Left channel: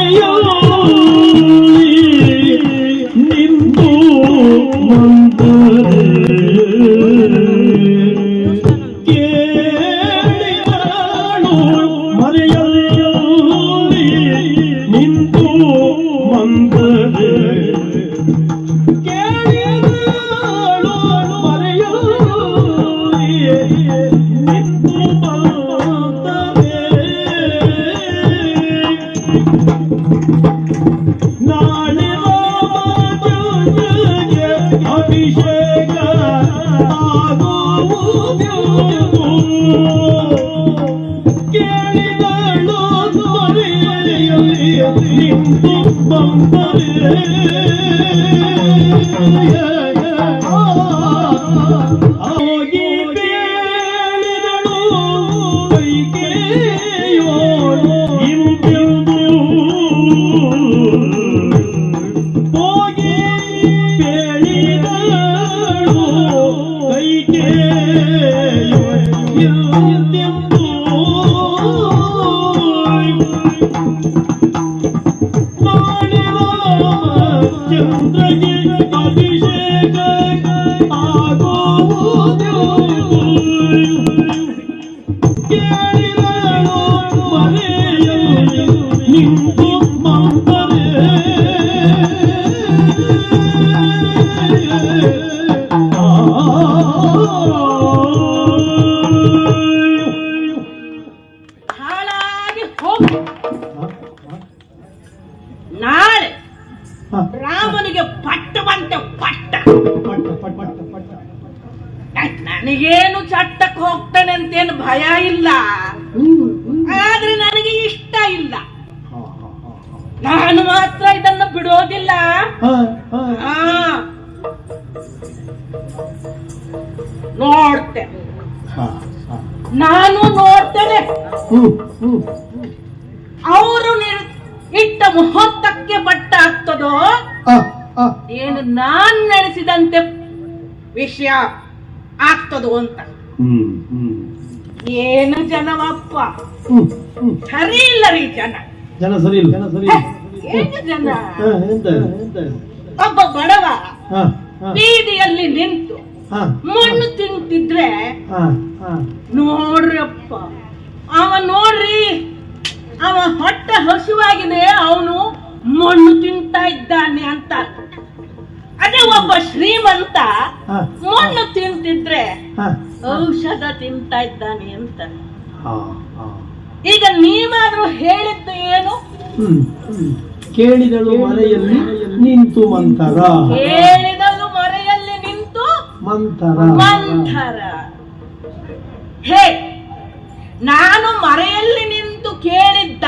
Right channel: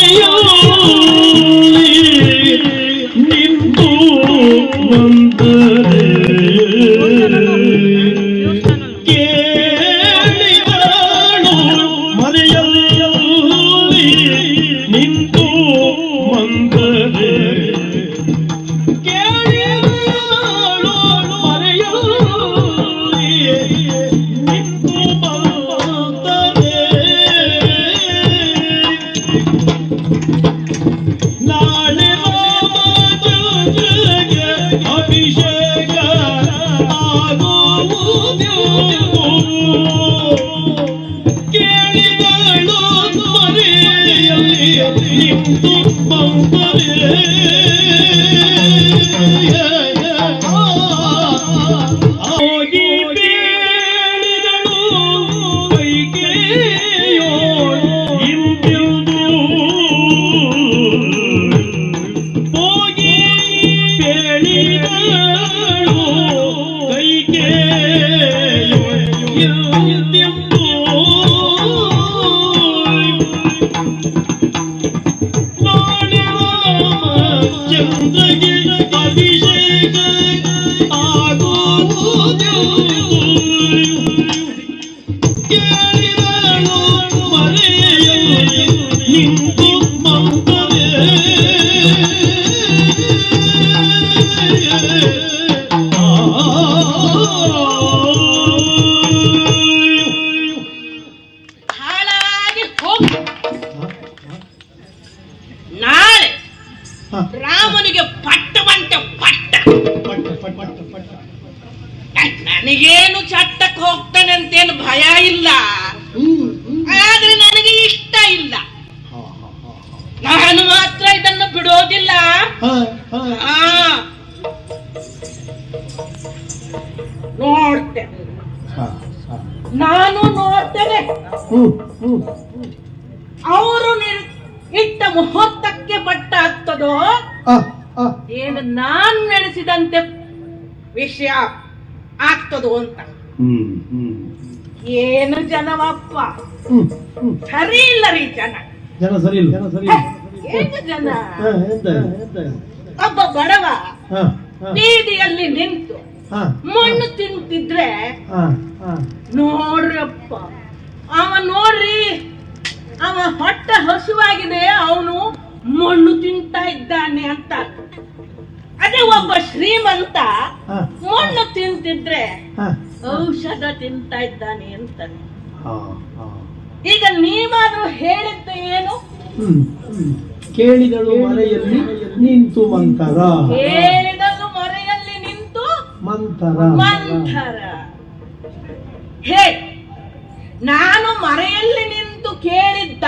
ನಿಂತು ನಿಂತು ಮರೆಯಲ್ಲಿ ನಾನು ನೋಡ್ತೇನೆ. ಅವರು ಇಟ್ಟ ಮುಹೂರ್ತಕ್ಕೆ ಬಟ್ಟ ಆಗ್ತದೋ? ಏನು ನಾನ್ ನಡೆಸಿದಂತೆ ವಿಷಯ ಆಗ್ತದೋ ಅಂತ. ಏನು ಜನವಪ್ಪ? ಸರಿ ಇಲ್ಲ ರೀ ಜನ. ಜನ ಸರಿ ಇಲ್ಲ. ಜನ ಸರಿ ಜನ? ಒಬ್ಬ ಬಡವ ಬೀದಿಯಲ್ಲಿ ನಿಂತು ಮಣ್ಣು ತಿಂತಿದ್ರೆ ನೋಡ್ರಪ್ಪ ಅವ ನೋಡ್ರಿ ಅವ ಹೊಟ್ಟೆ ಹಸುವಾಗಿದೆ ಅವನು ಮಣ್ಣು ತಿಂತಾ ಇದ್ದಾನೆ ಅಂತ. ಅದೇ ಒಬ್ಬ ಶ್ರೀಮಂತ ಮಣ್ಣು ತಿಂತಿದ್ರೆ ಔಷಧ ತಿಂತಾ ಇದ್ದಾನೆ ಅಂತ. ಈಗ ನೀವಾದ್ರೂ ಹೇಳಿದ್ದು ಏನು. ಕೇಳಿದಳು ಮನೆಯಲ್ಲಿ ನಿಂತು ಮಂತರ ಮಂತರ ಮಂಥರ ಹೇ ನಾನು ಮರೆಯಲ್ಲಿ ನಿಂತು ಕೇಳಿದ್ದ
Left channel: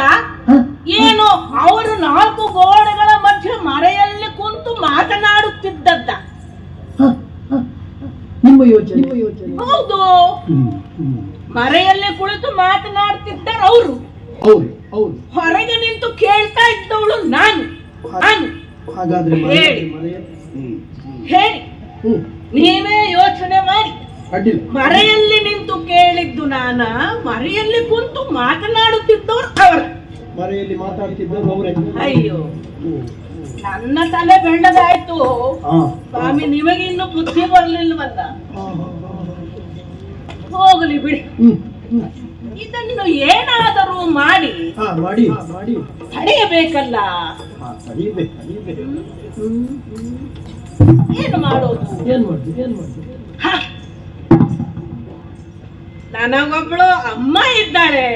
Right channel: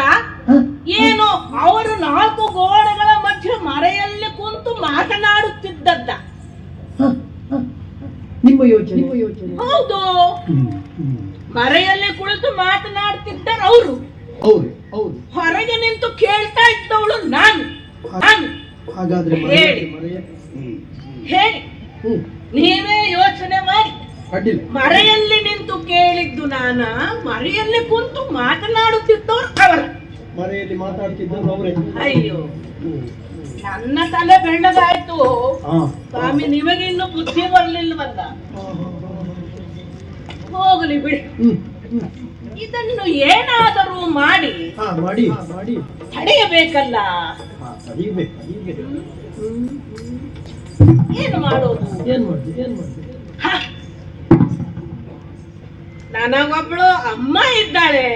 ಏನು ಅವರು ನಾಲ್ಕು ಗೋಡೆಗಳ ಮಧ್ಯೆ ಮರೆಯಲ್ಲಿ ಕುಂತು ಮಾತನಾಡುತ್ತಿದ್ದದ್ದ. ನಿಮ್ಮ ಯೋಚನೆ. ಹೌದು. ಮರೆಯಲ್ಲಿ ಕುಳಿತು ಮಾತನಾಡ್ತಿದ್ದಾರೆ ಅವರು. ಹೌದು ಹೌದು. ಹೊರಗೆ ನಿಂತು ಕೇಳ್ತಾ ಇದ್ದವಳು ನಾನು. ನಾನು. ಹಾಗಾದ್ರೆ ಹೇಳಿ. ಹೇಳಿ. ನೀವೇ ಯೋಚನೆ ಮಾಡಿ. ಮರೆಯಲ್ಲಿ ನಿಂತು ಕೇಳಿದ್ದು ನಾನ ಮರೆಯಲ್ಲಿ ಕುಂತು ಮಾತನಾಡುತ್ತಿದ್ದವ್ರು ಅವರು. ಮರೆಯಲ್ಲಿ ಮಾತಾಡ್ತಿದ್ದವರು ಅವರೇ. ಅಯ್ಯೋ. ನನ್ನ ತಲೆ ಬೆಳ್ಳದಾಯ್ತು. ಸ್ವಾಮಿ ನಿಮಗೆ ಇನ್ನು ಬುದ್ಧಿ ಬರ್ಲಿಲ್ಲ ಬಂದ ಹೋಗಲಿ ಬಿಡಿ. ಇದನ್ನು ಏನಾದರೂ ಮಾಡಿ. ಮಾಡಿ. ತಡೆಯಬೇಕಲ್ಲ ಏನು ಮಾಡೋದು ಏನ್ ಮಾಡ್ತೀವಿ ಏನ್ ಮಾಡ್ತೀವಿ ಹ. ನನಗೊಬ್ಳು ಅಮ್ಮ ಇದ್ದಾಳೆ.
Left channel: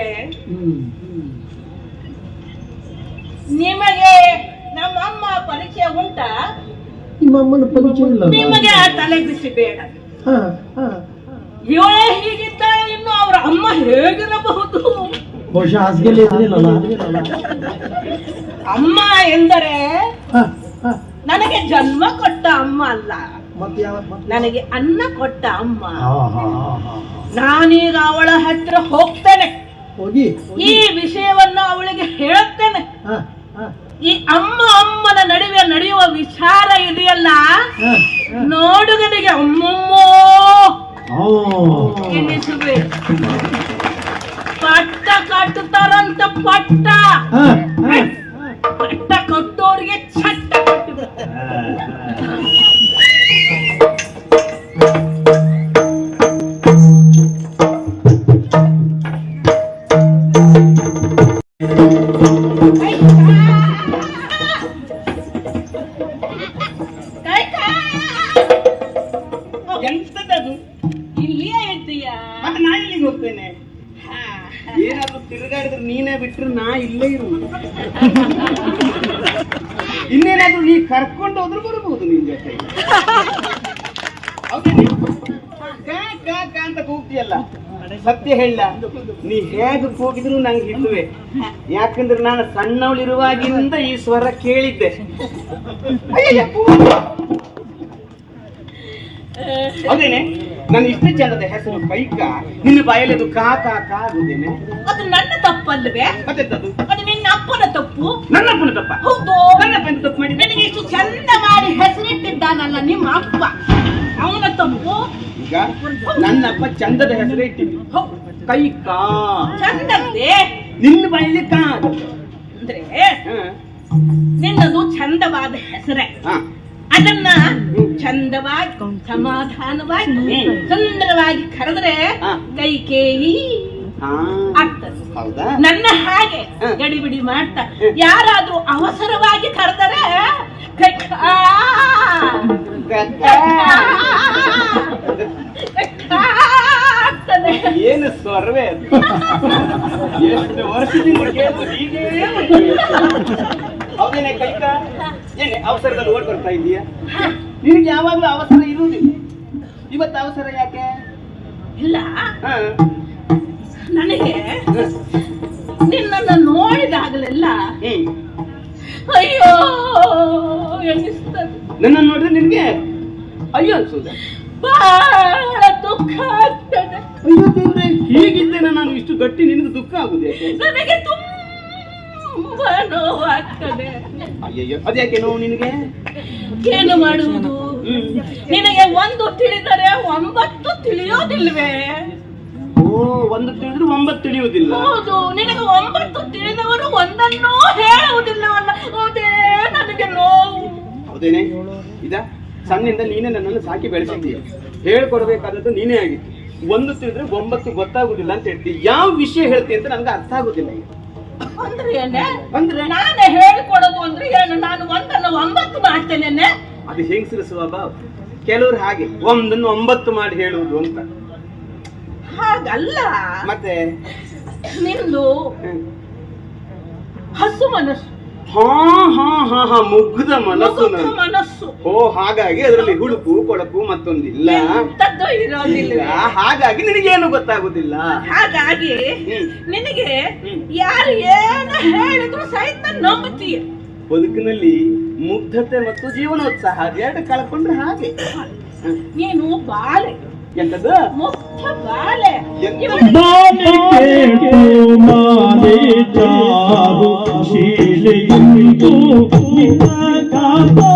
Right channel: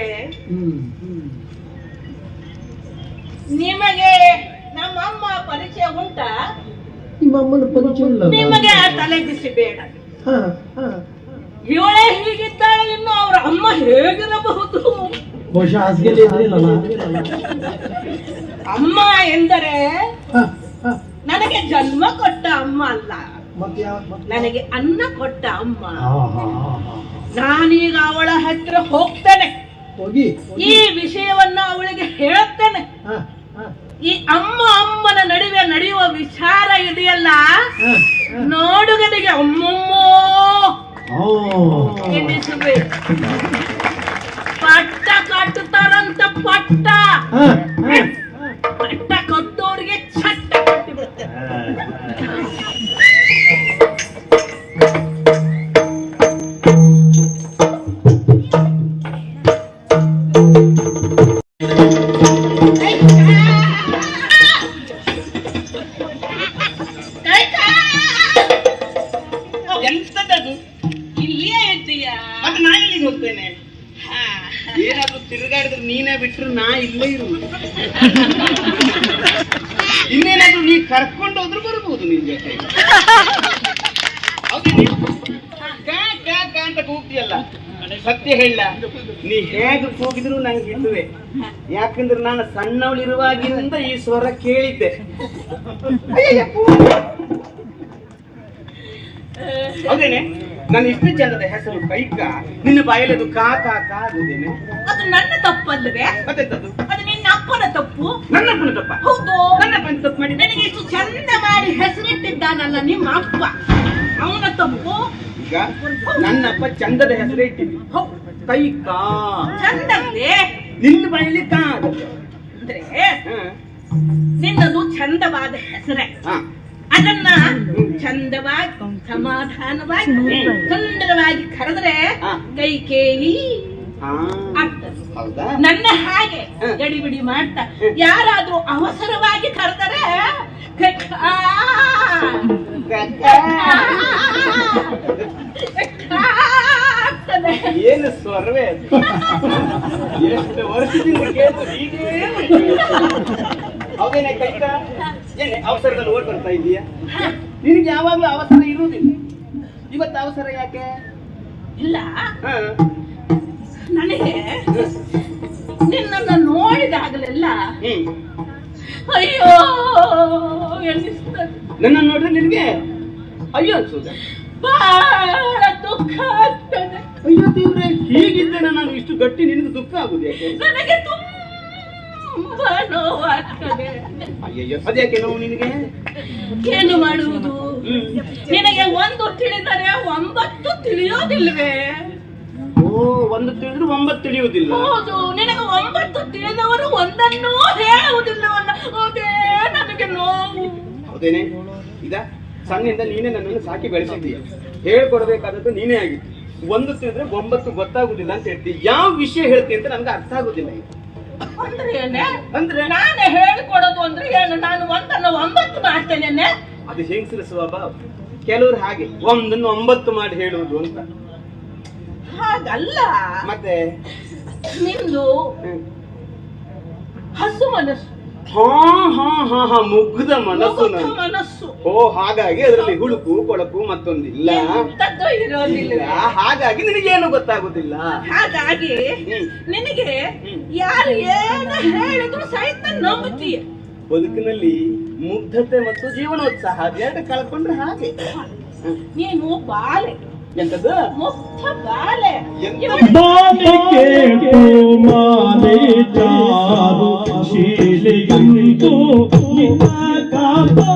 ನಿಮಗೆ ನಮ್ಮಮ್ಮ ಪರಿಚಯ ಉಂಟಾ ನಿಮ್ಮಮ್ಮನ ಪರಿಚಯ ಇಲ್ಲ ನಿಮಗೆ ಆ ತಲೆ ಬಿಸಿ ಬೇಡ. ಇವಳೇ ಹೀಗಿದ್ದಾಳೆ ಇನ್ನು ಅವರ ಅಮ್ಮ ಹೇಗಿರಬಹುದು ಅಮ್ಮ ಎಂದರೆ. ನನಗೆ ಜನ್ಮ ಕೊಟ್ಟ ಅಮ್ಮ ಅಲ್ಲ. ನನಗೆ ಅನ್ನ ಕೊಟ್ಟ ಅಮ್ಮ. ನಾನೀಗ ಅವಳ ಹತ್ತಿರ ಹೋಗ್ತೇನೆ. ಹೋಗಿ? ಈ ವಿಷಯವನ್ನ ಅವಳಿಗೆ ಹೇಳ್ತೇನೆ ಹಾ, ಹಾ, ಈ ಅಮ್ಮ ಅಮ್ಮನ ನಡುವೆ ನಡೆಯುವ ವಿಚಾರ ಇದೆಯಲ್ಲ. ನೋಡುಗನಿಗೆ ಅಮ್ಮಮ್ಮೋ. ಪಟ್ಟ ಕಟ್ಟುತ್ತಾರಂತ ಪಟ್ಟ. ಪಟ್ಟ. ಕಟ್ಟ ಕೊಟ್ಟೋರಿಗೆ ಚಟ್ಟ Thank you. Ừ. ಯಾಕಂದ್ರೆ ನಾನು ಸಣ್ಣವಳಿರುವಾಗಿಂದ ಈ ಸ್ವರ ಕೇಳಿದ್ದೆ. ಹೌದೇನೆ ನನ್ನ ಇಷ್ಟು ಜನದ ಹೆಸರು ಕೈಕ ನಿನ್ನ ಬಾಯಲ್ಲಿ ಅದು ಕಾ ಕಾ ಕಾ ಆಗುದೇನೆ ಅದು ನನ್ನ ತಪ್ಪಲ್ವೇ? ಮತ್ತೆ ಅದು ಅದು ನಿನ್ನ ಅಪ್ಪನ ತಪ್ಪು? ನನ್ನ ಅಪ್ಪನ ತಪ್ಪ? ಹೌದು. ನನ್ನ ಅಪ್ಪನ ತಪ್ಪು ಮಾಡಿ ನನಗೆ ಇಷ್ಟು ಚಂದ ಮಾಡಿ ಹೆಸರಿಟ್ಟಿದ್ದಾನಲ್ಲ ನಿಮ್ಮ ಅಪ್ಪ? ಅವನ ತಪ್ಪು? ಈಗ ನನ್ನ ಅಪ್ಪ ಚಂದದ ಹೆಸರೇ ಇಟ್ಟಿದ್ದು. ಕೈಕಾ ಕೈಕ. ಚಂದದ್ದೇ? ನಿನ್ನ ಕಾ ಅಂದ್ರೆ ನಿನ್ನದು ಚಂದವಾದ ಹೆಸರೇ. ಅದನ್ನ ಚಂದವಾಗಿ ಸಮಾಧಾನವಾಗಿ ಸುಂದರವಾಗಿ ಕರೆದ್ರೆ ಕೈ ಕೇಳಿ ನನ್ನ ಹಾಗೆ ಗಡಿ ಗಡಿಬಿಡಿ ಮಾಡ್ತಾ. ಯಾರಾದ್ರೂ ಅವಸರವಾಗಿ ಕರೆದರೆ ಕೈ- ಆ, ಆಗ್ತದೆ. ಏನು ಸ್ವರ್ವೆ ಎಷ್ಟು ವರ್ಷದಿಂದ ಕೇಳಿದ್ರು ಹೀಗೇ? ಹೌದೇನೆ ಕೈತ ಏನೇ ಅವಸರದಲ್ಲಿ ಓಟ್ ಬರ್ತಾ ಇದೀಯಾ ನಿನಗೆ ಯಾವಾಗಲೂ ಅವಸರ ಇರುವುದಿಲ್ಲ. ಇವತ್ತು ಅವಸರ ಯಾಕೆ? ಇಲ್ಲ. ನನಗೆ ನಿನ್ನನ್ನು ನೋಡಿದಾಗಲೆಲ್ಲ ಅಯ್ಯೋ ಎನ್ನಿಸ್ತದೆ ನನ್ನನ್ನು ನೋಡಿದ್ರೆ ನಿನಗೆ ಅಯ್ಯೋ ಅನ್ಸುದ ಬಹಳ ದುಃಖ ಆಗ್ತದೆ. ಅಯ್ಯೋ ದೇವ್ರೆ ಹೀಗಿದ್ದೇನೆ ನಾನು ಇಷ್ಟು ಗಟ್ಟಿ ನಿನ್ನದು ದುಃಖ ಆಗುದು? ನನಗೆ ತುಂಬಾ ನೋವಾಗ್ತದೆ ಅಯ್ಯಯ್ಯೋ ಅದ್ಯಾಕೆ ನೋವು ನಿನಗೆ? ಏನು ಮಾಡುವುದು? ನಿನಗೆ ಒಂದು ತಿಳಿದರೆ ಒಂಬತ್ತು ತಿಳಿಯೋದಿಲ್ವೇ? ಓ ಒಂದು ತಿಳಿದ್ರು ಒಂಬತ್ತು ತಿಳಿಯುವುದಿಲ್ಲ. ಹೌದು ನಿನಗೆ ಒಂಬತ್ತು ತಿಳಿದವರು ಒಂದನ್ನೂ ಹೇಳುವುದಿಲ್ಲವಲ್ಲ. ಹೌದೇ ನನಗೆ ನೋವು. ಹೌದೇನೆ? ಇದ? ಸಣ್ಣಿಂದ ನೀನೇ ನನ್ನನ್ನು ಸಾಕಿ ಬೆಳೆಸಿದ್ದೀಯ ಹೇಳ್ಕೊಡ್ಬೇಕಾದದ್ದು ನೀನೇ ಆಗಿತ್ತು ಒಂದು ತಿಳಿದ್ರೆ ಒಂಬತ್ತು ಗೊತ್ತಾಗುದಿಲ್ಲ ಅಂತ ಹೇಳ್ತಿ. ಯಾವ ವಿಷಯ ಹೇಳ್ತಿ ಅಂತ ನನ್ಗೆ ಅರ್ಥ ಆಗುದಿಲ್ಲ ಅಂದ್ರೆ ನಾನೇ ಹೇಳಿಕೊಡೋದು ಅಂದ್ರೆ ನಾನು ಒಂದನ್ನು ಒಂಬತ್ತು ಮಾಡ್ತೇನೆ ಅದು ಹೆಂಗಸರ ಸ್ವಭಾವ? ಕೆಲವರು ಹಾಗೆ ಒಂದನ್ನು ಒಂಬತ್ತು ಮಾಡಿ ಹೇಳುವುದು ಅಂತ. ಹಾಗಲ್ಲ. ಮತ್ತೆ? ನಿಂದು. ಹಸು ಮನಸ್ಸು. ಹಾ ಹಾ ಹಾ ಹಾ ಮುಗ್ಧ ಮನಸ್ಸು ಮುಗ್ಧ ಮನಸ್ಸು. ಓ ಹಾಗಾಗಿ ಅದರಲ್ಲಿ ಹುಳುಕು ಕೊಳಕು ಮತ್ತೊಂದಿಲ್ಲ. ಎಂತದ್ದು ಇರೋದಿಲ್ಲ. ಇಲ್ಲ ಹಾಗಾಗಿ ನಿನಗೇನು ಗೊತ್ತಾಗುದಿಲ್ಲ. ಹಾಗಾಗಿ ಹ್ಮ್. ನಿನಗೆ ಹ್ಮ್. ಯಾರು ಏನು ಹೇಳಿದ್ರು ಸಹಿತ ನಂಬುತ್ತೀಯ. ಬದುಕಿನಲ್ಲಿ ಮುಗ್ಧತೆ ಮತ್ತು ಜೀವನೋತ್ಸಾಹ ಎರಡು ಕಳ್ಕೊಂಡ್ರೆ ಹಾಗೆ. ನೀನು ಬಾಲೆ. ಎಂತದ್ದು ಮುಗ್ಧ ಬಾಲೆ ಎಂತ? ಇವಳು ಬಾಲಿಕೆ ಮಾಲೆ ಚಾರು ಶೀಲೆಯುಂಟು ಬಾಲಿಕೆ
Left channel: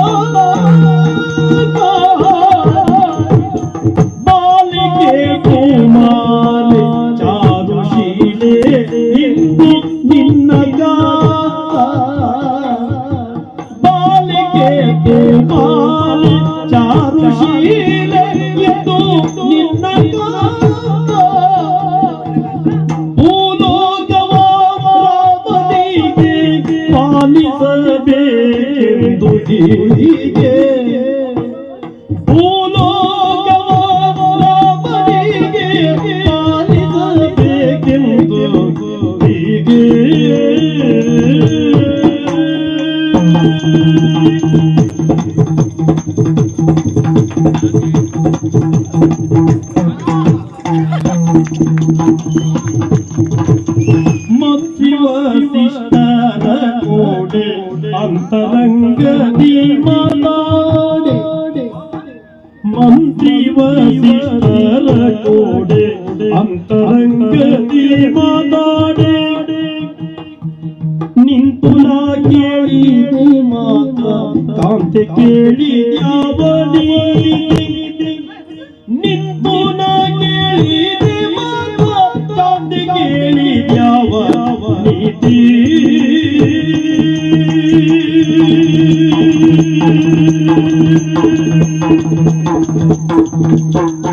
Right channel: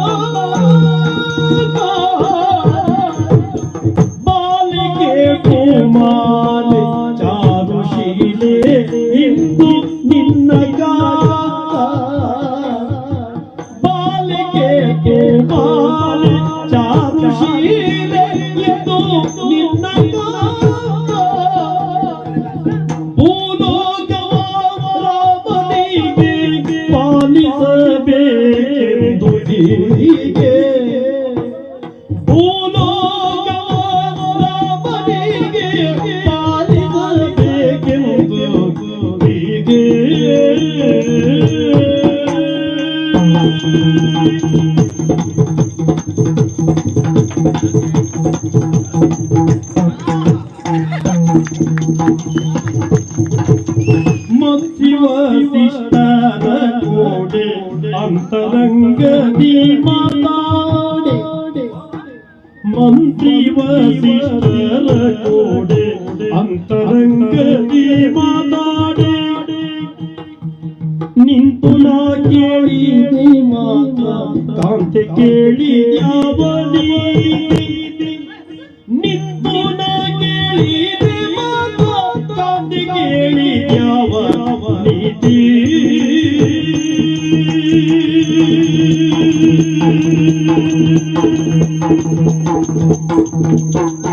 Thank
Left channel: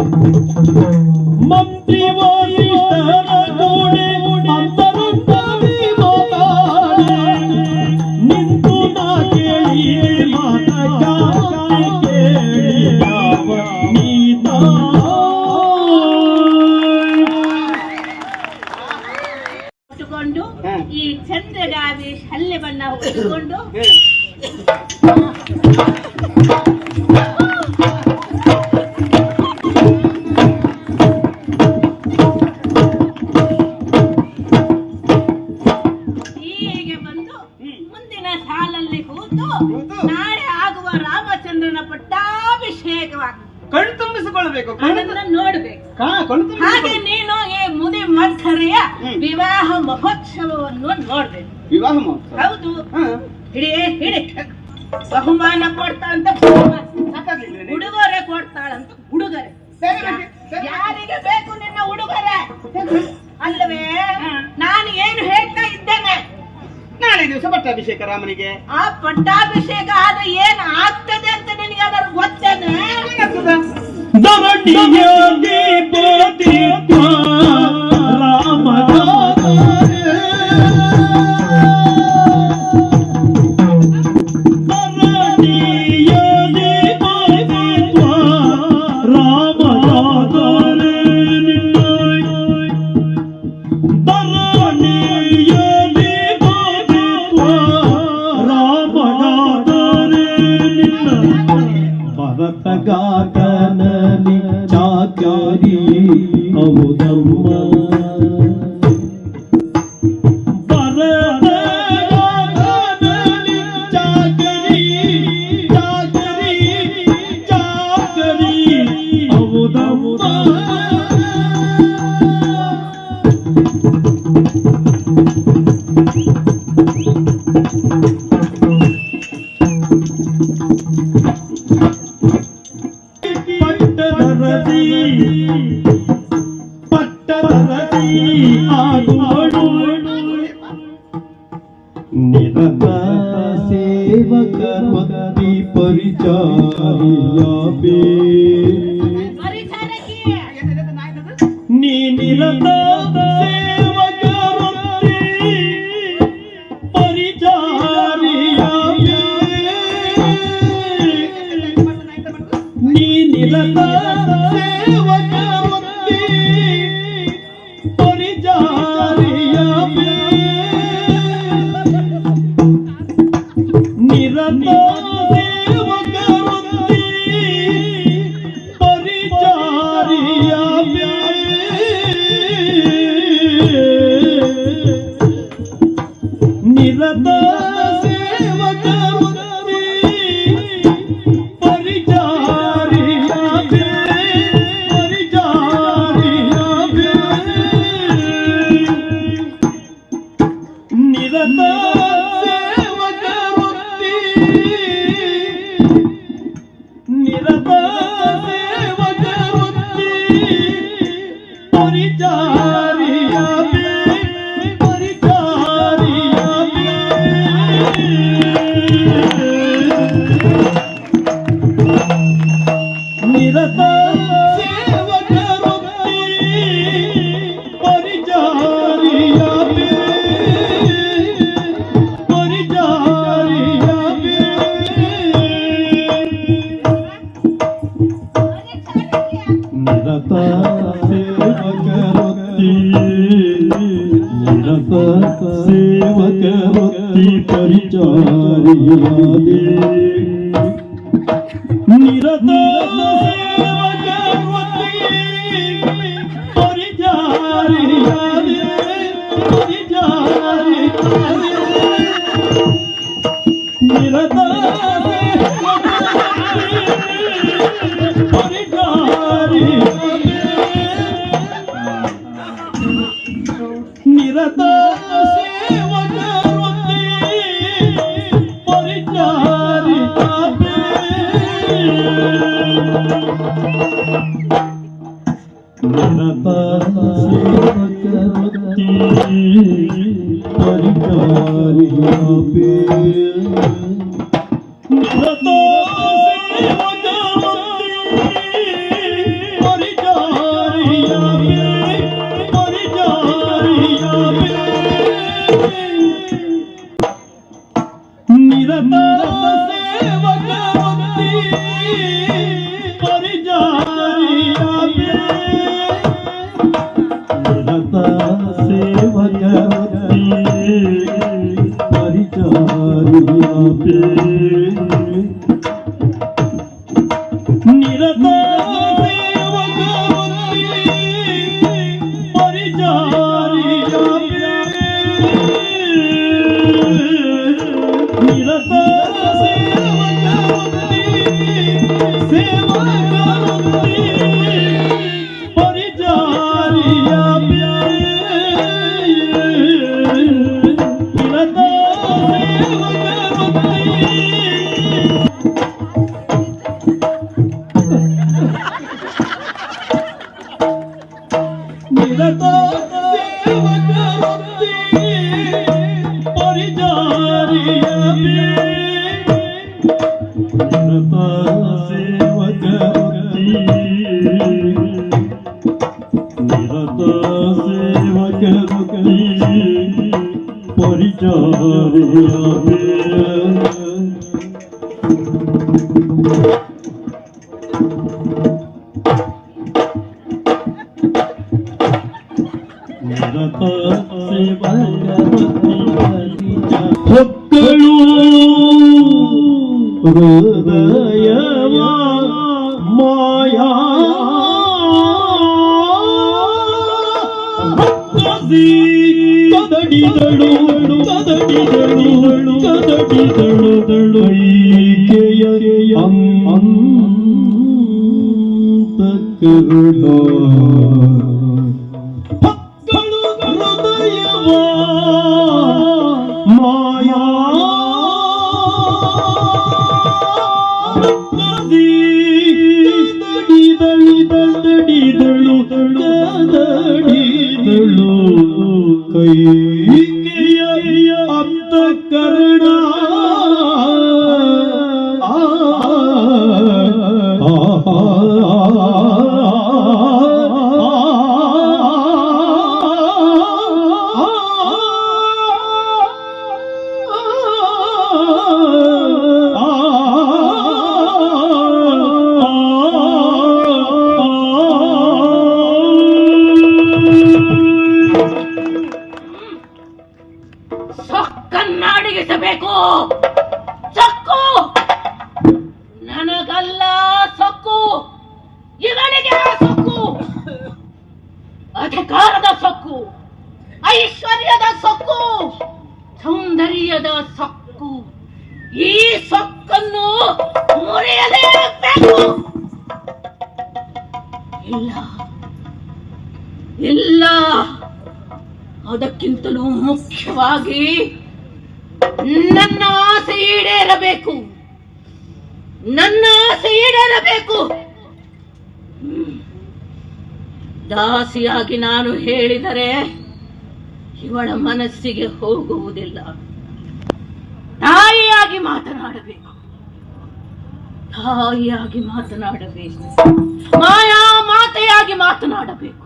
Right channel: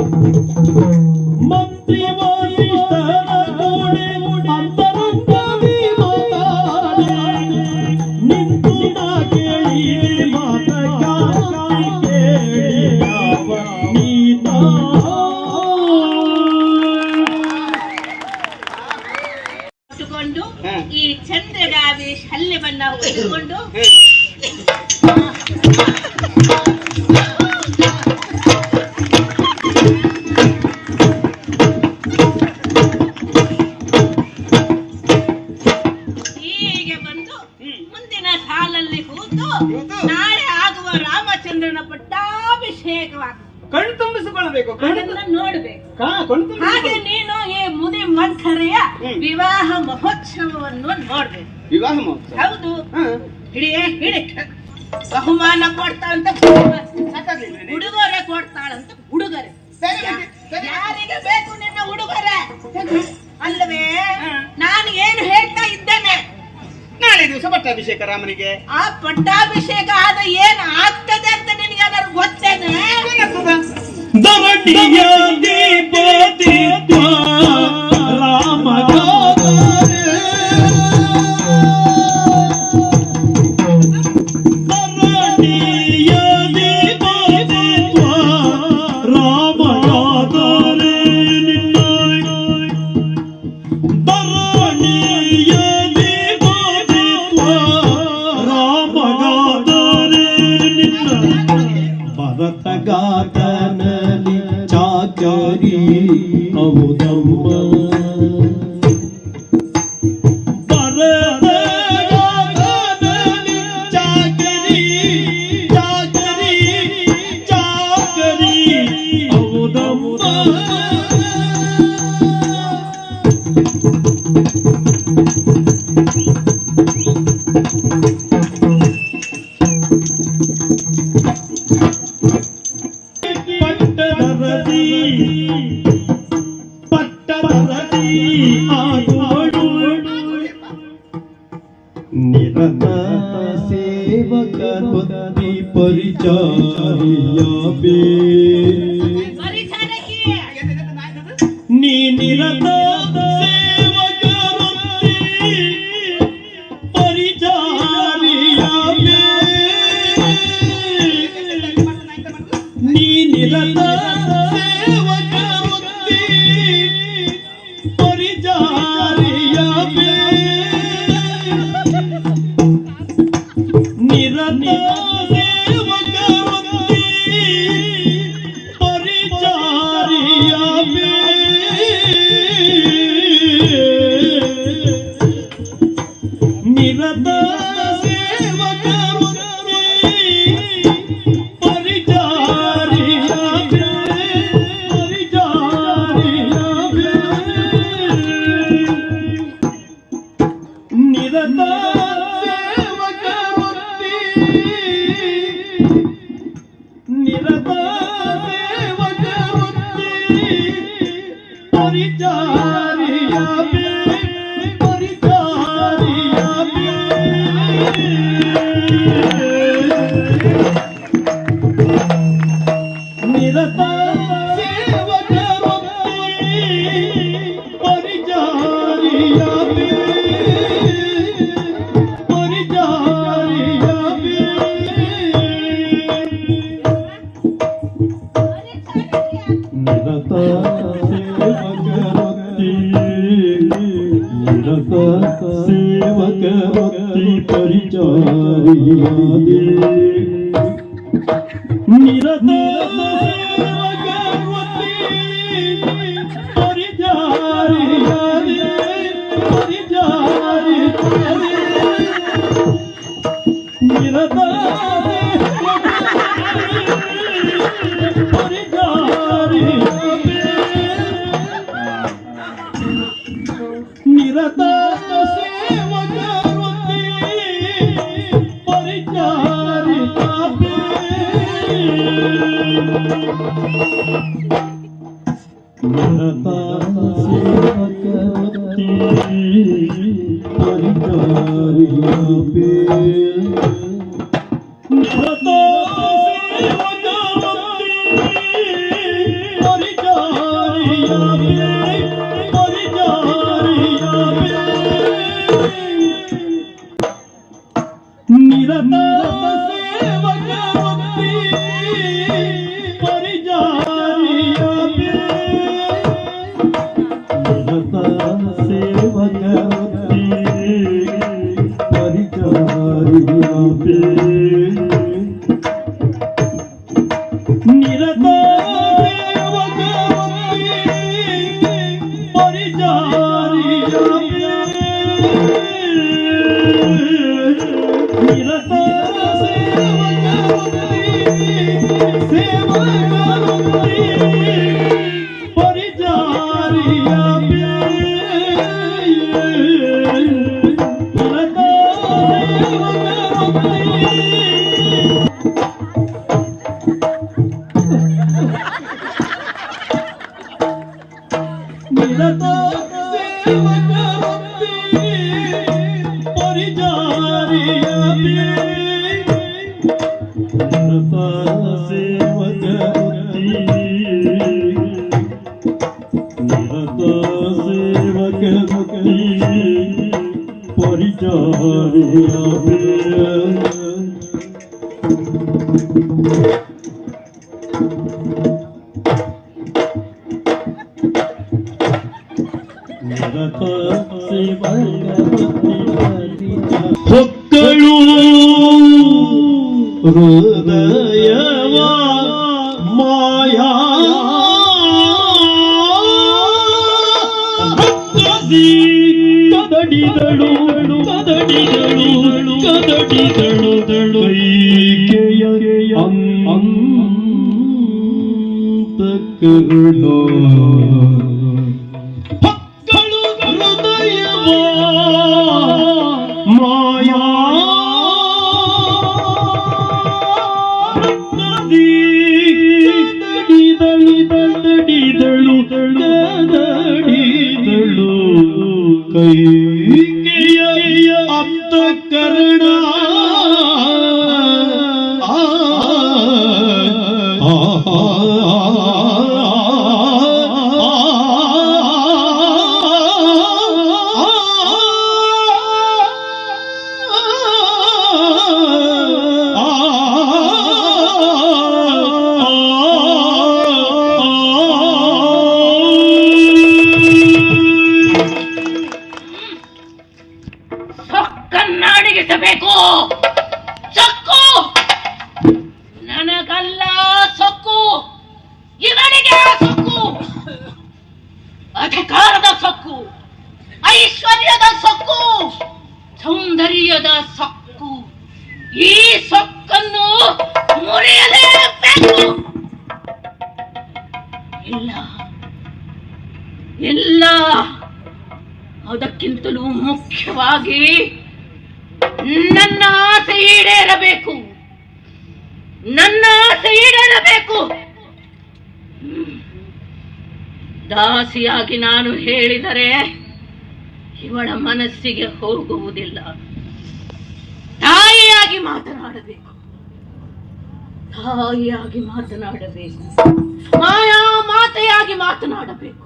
you. ನಾಳೆ ಆಗುವ ರಾಮಚಂದ್ರನ ಪಟ್ಟಾಭಿಷೇಕವಾಗಿ ಕಣ್ ತುಂಬಿಸಿಕೊಳ್ಬೇಕು ನೋಡ್ಬೇಕು. ಹಾಗೆ ನೀನು ಈ ಮುದಿ ಮಧ್ವರೆಯ ವಿವಾಹ ಮಹೋತ್ಸವವನ್ನು ನೋಡ್ಬೇಕು. ವಿವಾಹ ಮಹೋತ್ಸವ? ಹೌದು. ಹಿಡಿ ಹಿಡಿ. ಬಹುಮಾನ ಕೊಡ್ತಾ ಅಂತ ಉಡುಗೊರೆ ಕೊಡ್ತಾಳಂತ ಉಡುಗೊರೆ ಯಾರಿಗೆ ಬೇಕು ನಿನ್ನ ಉಡುಗೊರೆ ಅಲ್ಲವೇ? ನಾಳೆ ದಿವಸ ಪಟ್ಟಾಭಿಷೇಕ ರಾಮನಿಗೆ. ಆ ಪಟ್ಟಾಭಿಷೇಕ ಆದ ಏನ್ ಆಗ್ತದೆ ಅಂತ ನಿನಗೆ ಅದರ ಗೊತ್ತೇನೆ ದೊಡ್ಡಿಯ Yeah. से मगर ಸೊಕ್ಕನ್ನಾಡಿಗಿಸಬೇಕು ಸೊಕ್ಕು. ನನಗಲ್ಲ ಸೊಕ್ಕು. ಇವನಿಗೆ ಸೊಕ್ಕು. ಅಧಿಕಾರದ ಸೊಕ್ಕು. ಐಶ್ವರ್ಯದ ಸೊಕ್ಕು. ಸೌಂದರ್ಯದ ಸೊಕ್ಕು. ಈ ಸೊಕ್ಕನ್ನು ಮುರಿಯಲೇಬೇಕು. ಇಲ್ಲ. ಇಲ್ಲ. ಅದಕ್ಕಿಂತಲೂ ಮುಖ್ಯವಾಗಿ ನನ್ನ ಆಸೆ ಈಡೇರಬೇಕು. ನನ್ನ ಆಸೆ ಈಡೇರಬೇಕು. ದಾಸಿಯಾಗಿ ನಾನು ಹೇಳಿದರೆ ಇವಳ ಮನಸ್ಸಿಗೆ ಹೋಗುವುದಿಲ್ಲ. ತಾಯಿಯಾಗಿ ಮಾತನಾಡಬೇಕು. ತಾಯಿಯಾಗಿ ಮಾತನಾಡಬೇಕು. ಮಾಯಾ ಮಾತೆಯಾಗಿ ಮಾತನಾಡಬೇಕು.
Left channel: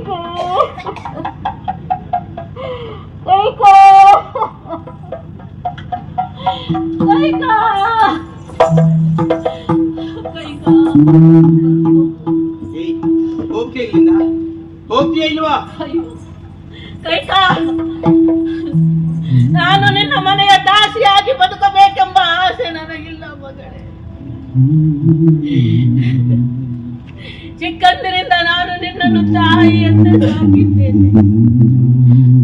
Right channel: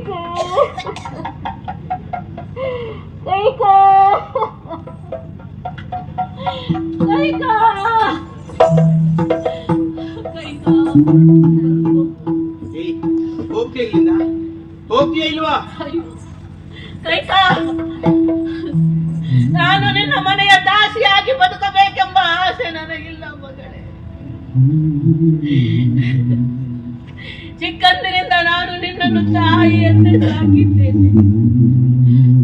ಕೈಕೋ ಕೈಕಾ ಕೈಕಾ ಏಯ್ ಹೋಗ್ತೀಯ ಇಲ್ಲಿಂದ? ಹೋಗ್ತೀಯ ಇಲ್ವಾ. ಕೈಕಾ ನಾನು ನಿನ್ನ ಮನೆಯ ದಾಸಿಯಾಗಿ ಬದುಕಬೇಕೆಂಬ ಆಸೆ ನನಗಿಲ್ಲ ಮಗಳೇ. ಚಿಕ್ಕಂದಿನಿಂದ ನಾನು ನಿನ್ನನ್ನು ತಾಯಿಯಂತೆ ಸಾಕಿದ್ದೇನೆ.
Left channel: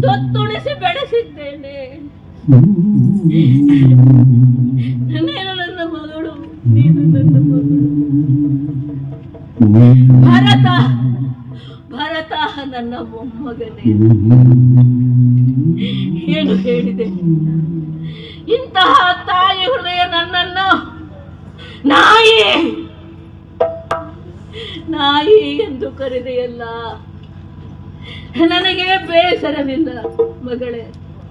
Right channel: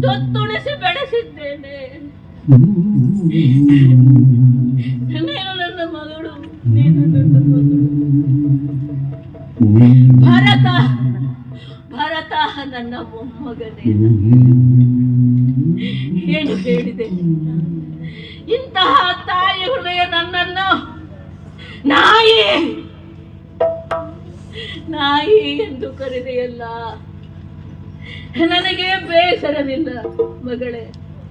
ತೊತ್ತುಣಿಸಿ ಬೆಳೆಸಿದ್ದೇನೆ. ನೀನು ನನ್ನ ಮಗಳು, ನೀನು ನನ್ನ ಮಗಳು. ಭರತ ಭರತ, ನನ್ನ ಮೊಮ್ಮಗನೇ. ಏನು ಹೇಳಿದೆ? ಇಂತಹ ತಾಯಿ ಹೃದಯ ನನ್ನನ್ನು ನಾಯಿ ನಾಯಿ ಎಂದು ಕರೆದೆಯಲ್ಲ. ನನಗೆ ಬೇಸರವಿಲ್ಲ ಮಗಳೇ,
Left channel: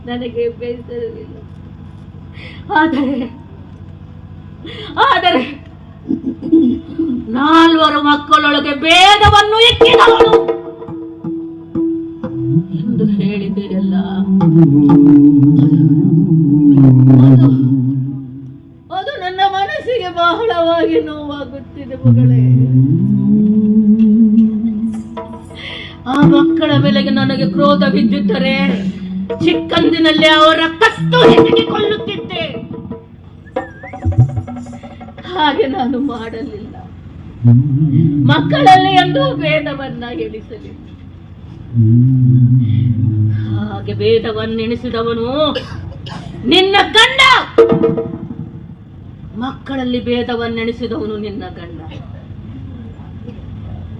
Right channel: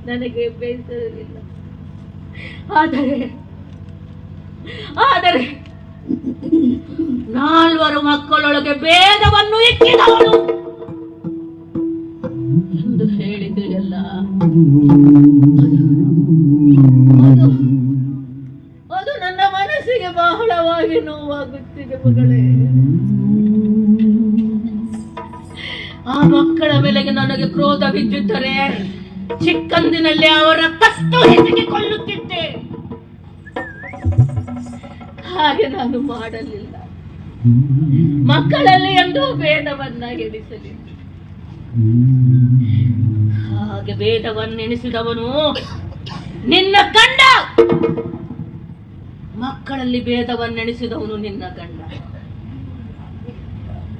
ನನಗೆ ಬೇಸರವಿಲ್ಲ. ಆದರೆ ಆದರೆ ನಾಲ್ವರು ಮಕ್ಕಳೊಳಗೆ ಭೇದವನ್ನು ಎತ್ತಿದವಳು ಎಂದು ಹೇಳಿದೆಯಲ್ಲ. ಅದು ನನ್ನ ಮನಸ್ಸಿಗೆ ಬಹಳವಾಗಿ ನೋವಾಗುತ್ತಿದೆ ಮಗಳೇ. ಕ್ರೋಧ ಬಿದ್ದಿದ್ದರೆ ಚಿಕ್ಕಂದಿನಲ್ಲಿ ಅವರ ಕತ್ತು ಕೊಲ್ಲುತ್ತಿದ್ದೆ ಹಾಗೆ ನಾನು ಮಾಡಲಿಲ್ಲ. ಮಕ್ಕಳಲ್ಲಿ ಎಂದು ಭೇದವನ್ನ ಎಣಿಸಲಿಲ್ಲ ಹಾಗೆ ಭೇದವನ್ನೆಣಿಸಿದವನು, ನಿನ್ನ ಗಂಡ! ಮಕ್ಕಳಲ್ಲಿ ಭೇದವನ್ನೆಣಿಸಿದವನು ನಿನ್ನ ಗಂಡ.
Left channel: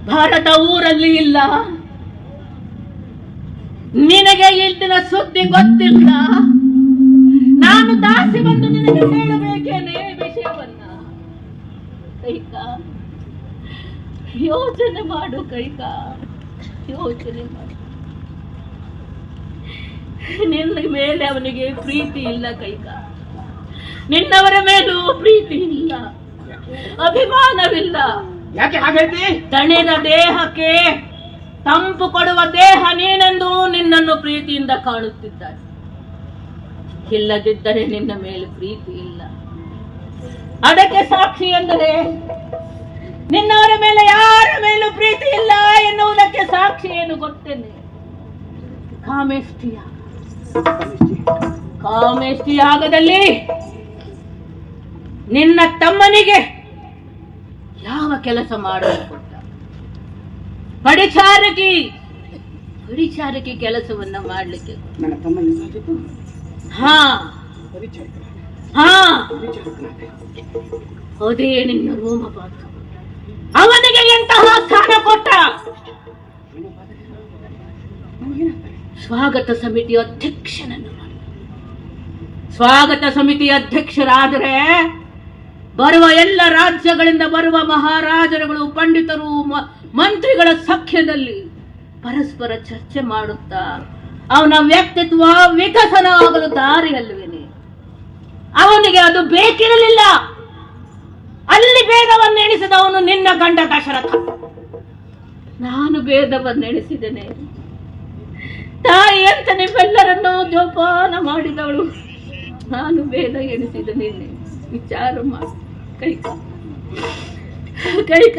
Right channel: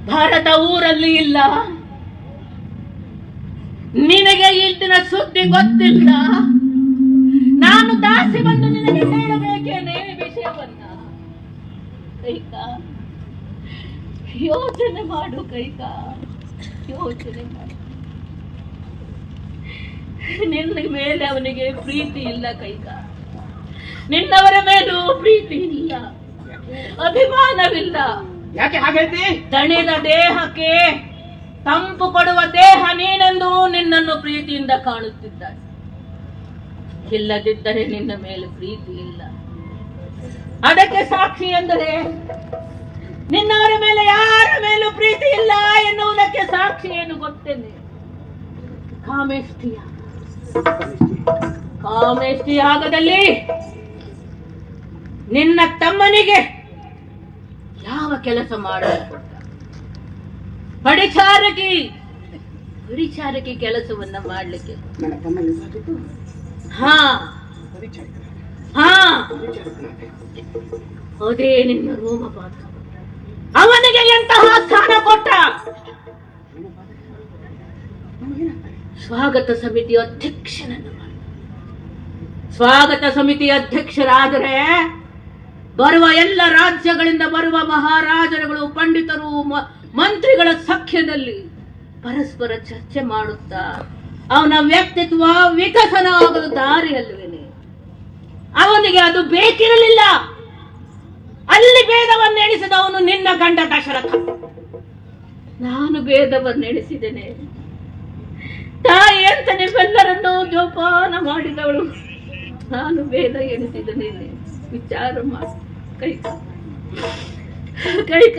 ಭಾರತ ಊರಲ್ಲಿ ಇಲ್ಲ. ನಿನಗೆ ಇಂದಿನ ಸುದ್ದಿ ಗೊತ್ತಿಲ್ಲ. ನಾನು ದಾಸಿ ಬಂದು ನಿನಗೆ ಹೇಳಬೇಕೇನೆ ವಿಷಯವನ್ನ? ಕೈಕಾ ಯೋಚನೆ ಮಾಡು ಕೈಕಾ ಯೋಚನೆ ಮಾಡು. ನಿನ್ನ ಮೇಲೆ ಅವನಿಗೆ ಪ್ರೀತಿ ಇಲ್ಲ ಕೈಕಾ. ನಿನ್ನವರ ಮೇಲೂ ಪ್ರೀತಿ ಇಲ್ಲ ಅಭಿಮಾನವಿಲ್ಲ. ಯಾಕೆ ಹಾಗೈತಿ ದಣಿದ ದೇಹಕ್ಕೆ ತಂಪು ಕೊಡುವ ದೇಹ ನೀನೆಂದು ನಿನ್ನನ್ನು ಪ್ರೀತಿಯಿಂದ ಕಾಣುತ್ತಿದ್ದಾರೆ ಇಲ್ಲದಿದ್ದರೆ ನಿನ್ನ ಮೇಲೆ ಪ್ರೀತಿ ಇಲ್ಲ. ಅದಕ್ಕೆ ಸಾಕ್ಷಿ ಎಂದರೆ, ನಿನ್ನವರ ಮೇಲೆ ಯಾರ ಮೇಲೂ ಪ್ರೀತಿ ಇಲ್ಲ ಎನ್ನುವುದಕ್ಕೆ ಸಾಕ್ಷಿ ಏನು ಗೊತ್ತೇನೆ? ಕಾಮೇಷ್ಟಿಯ ಕಾಮೇಷ್ಟಿ ಆಗದಲ್ಲಿ ನಿನ್ನ ತಮ್ಮನಿಗೆ ಯಾವ ಕೆಲಸ ಮಾಡಲು ಪಡಿಚಾರಕಿ. ಪಡಿಚಾರಕಿ ಕೆಲಸವನ್ನ ಮಾಡ್ಲಿಕ್ಕೆ. ರೋಮ? ಹಾ. ಅದೇ ನಿನ್ನ ರೋಮಪಾತ ಅವನಿಗೆ ಎಂತಹ ಸ್ಥಾನ ಕೊಟ್ಟ? ಸ್ವಾಗತ ಸಮಿತಿ ಅಧ್ಯಕ್ಷನನ್ನು. ಸ್ವಾಗತ ಸಮಿತಿ ಅಧ್ಯಕ್ಷರಾದರೆ ಬರುವ ಎಲ್ಲ ರಾಜ್ಯಗಳಿಂದ ಬರುವ ಮಹಾರಾಜರುಗಳು ಪಂಡಿತರು ಮಂತ್ರಿಗಳ ಸಖ್ಯದಲ್ಲಿ ಪರಸ್ಪರ ಚರ್ಚೆ ಮಾಡುತ್ತಾ ಅವನ ವ್ಯಕ್ತಿತ್ವ ವಿಕಸನ ಆಗಲು ದಾರಿಯಲ್ವೇನೆ ಅವನಿಗೆ ಅದು ಬೇಕಿರಲಿಲ್ಲ. ಅಲ್ಲಿ ಭೇದವನ್ನು ಎಣಿಸಿದವನು ನಿನ್ನ ಗಂಡ ದಶರಥ. ನಾನು ಭೇದವನ್ನು ಎಣಿಸಿದ್ದೇನೆ ತಾಯಿ ಅಂತ ನಿಮ್ಮೆಲ್ಲರನ್ನು ಜೋಪಾನ ಮಾಡಿದವಳು. ನಾನು ಭೇದ ಎಣಿಸಿದ್ದೇನೆ. ವಿಚಾರ ಮಾಡಿ. ಕೈಕ ಕೈಕ